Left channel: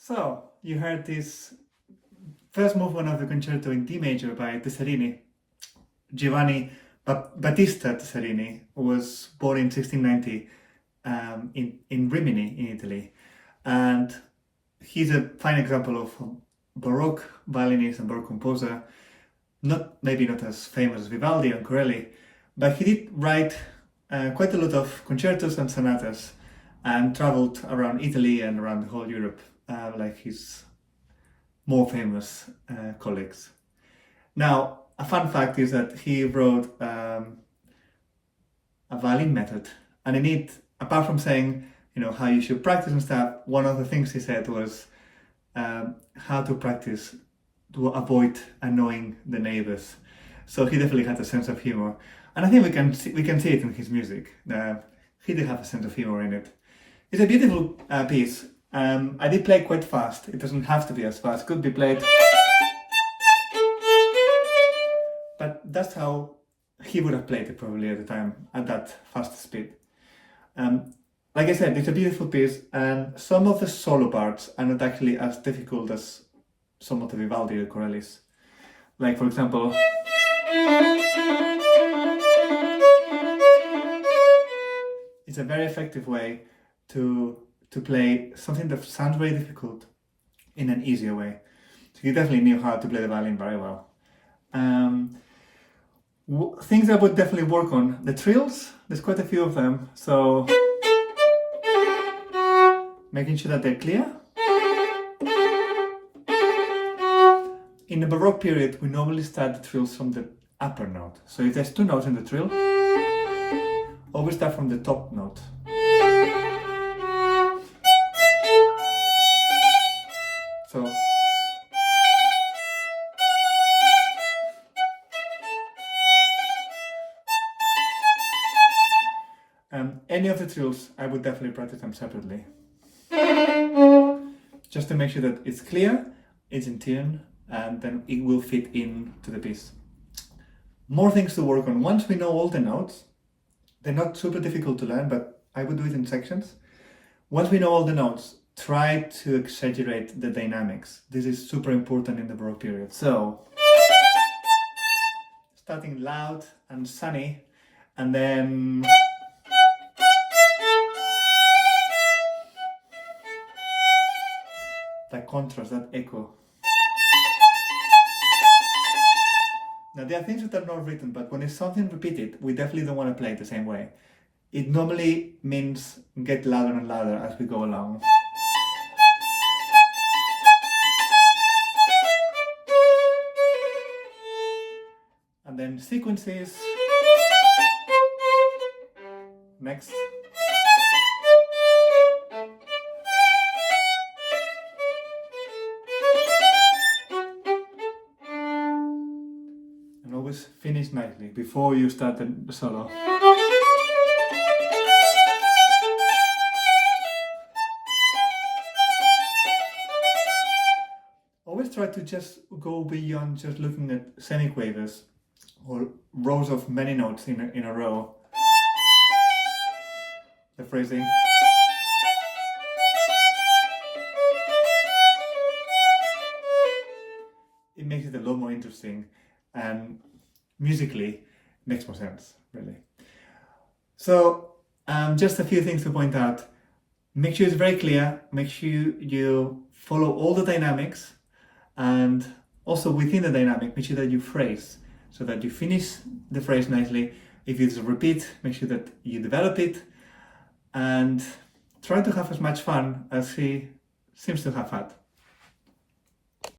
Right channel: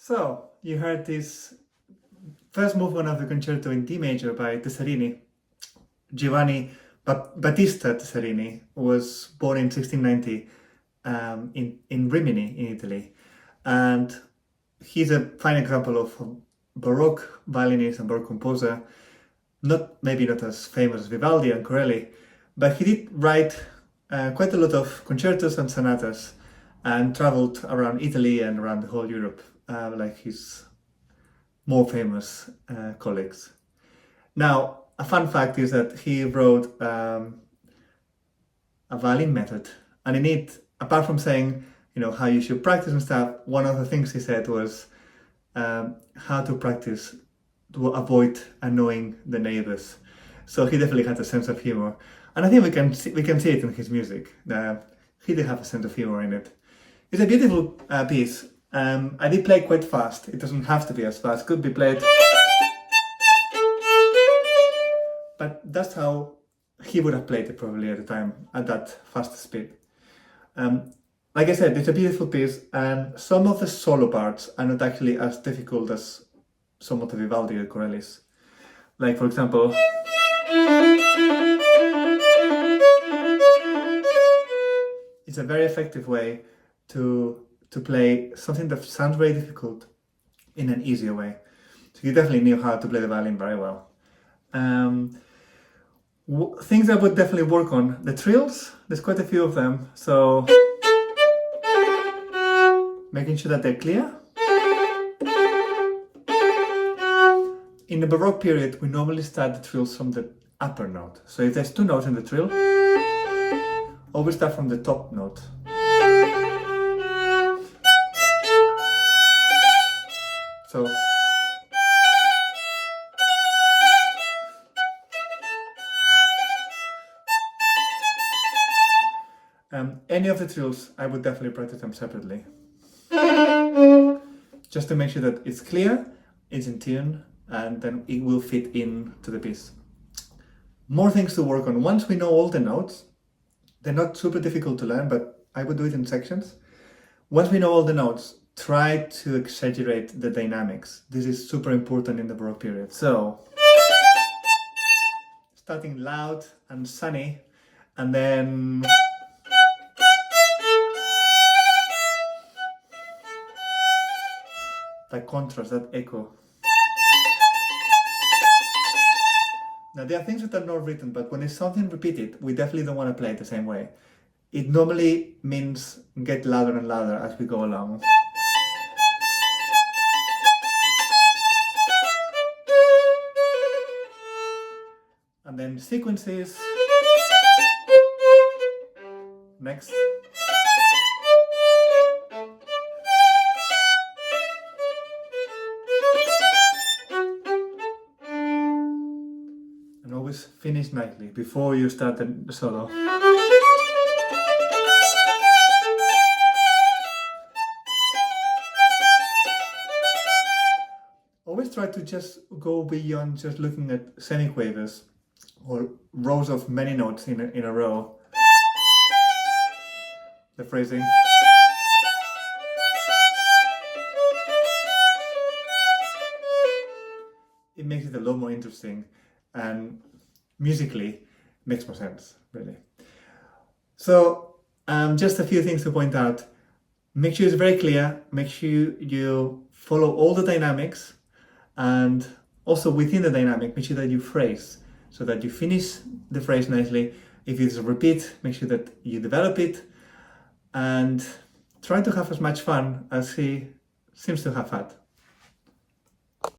So, you heard this first movement of the concerto in D major by Tessarini. Giovanni Battista Tessarini was born in 1690 in Rimini, in Italy. And he's a fine example of a Baroque violinist and Baroque composer, maybe not as famous as Vivaldi and Corelli, but he did write quite a lot of concertos and sonatas and traveled around Italy and around the whole Europe, like his more famous colleagues. Now, a fun fact is that he wrote a violin method, and in it, apart from saying, how you should practice and stuff, one of the things he said was how to practice to avoid annoying the neighbors. So he definitely had a sense of humor, and I think we can see it in his music. He did have a sense of humor in it. It's a beautiful piece. I did play quite fast. It doesn't have to be as fast. It could be played, but that's how he would have played it probably at the time, at that fast speed. Like I said, it's a beautiful piece, and some of the solo parts are not actually as difficult as some of the Vivaldi or Corelli's. Like, for example, it's a very effective way to play something that sounds very difficult in an easier way. So he definitely knew how to play the violin very well. Things I would definitely work on, the trills, there's quite a few of them, so making sure that they're clear. In the Baroque period, we normally start the trills from the upper note. So if there's two notes in the trill, always start from the top note. So any of the trills, I would definitely practice them separately. Just to make sure that it's clear, it's in tune, and then it will fit into the piece. More things to work on. Once we know all the notes, they're not super difficult to learn, but I would do it in sections. Once we know all the notes, try to exaggerate the dynamics. This is super important in the Baroque period. So, starting loud and sunny, and then that contrast, that echo. Now, there are things that are not written, but when it's something repeated, we definitely don't want to play it the same way. It normally means get louder and louder as we go along. then sequences. Next. And always finish nicely before you start the solo. Always try to just go beyond just looking at semiquavers or rows of many notes in a row. The phrasing. It makes it a lot more interesting, and musically makes more sense, really. So just a few things to point out. Make sure it's very clear, make sure you follow all the dynamics, and also within the dynamic, make sure that you phrase, so that you finish the phrase nicely. If it's a repeat, make sure that you develop it, and try to have as much fun as he seems to have had.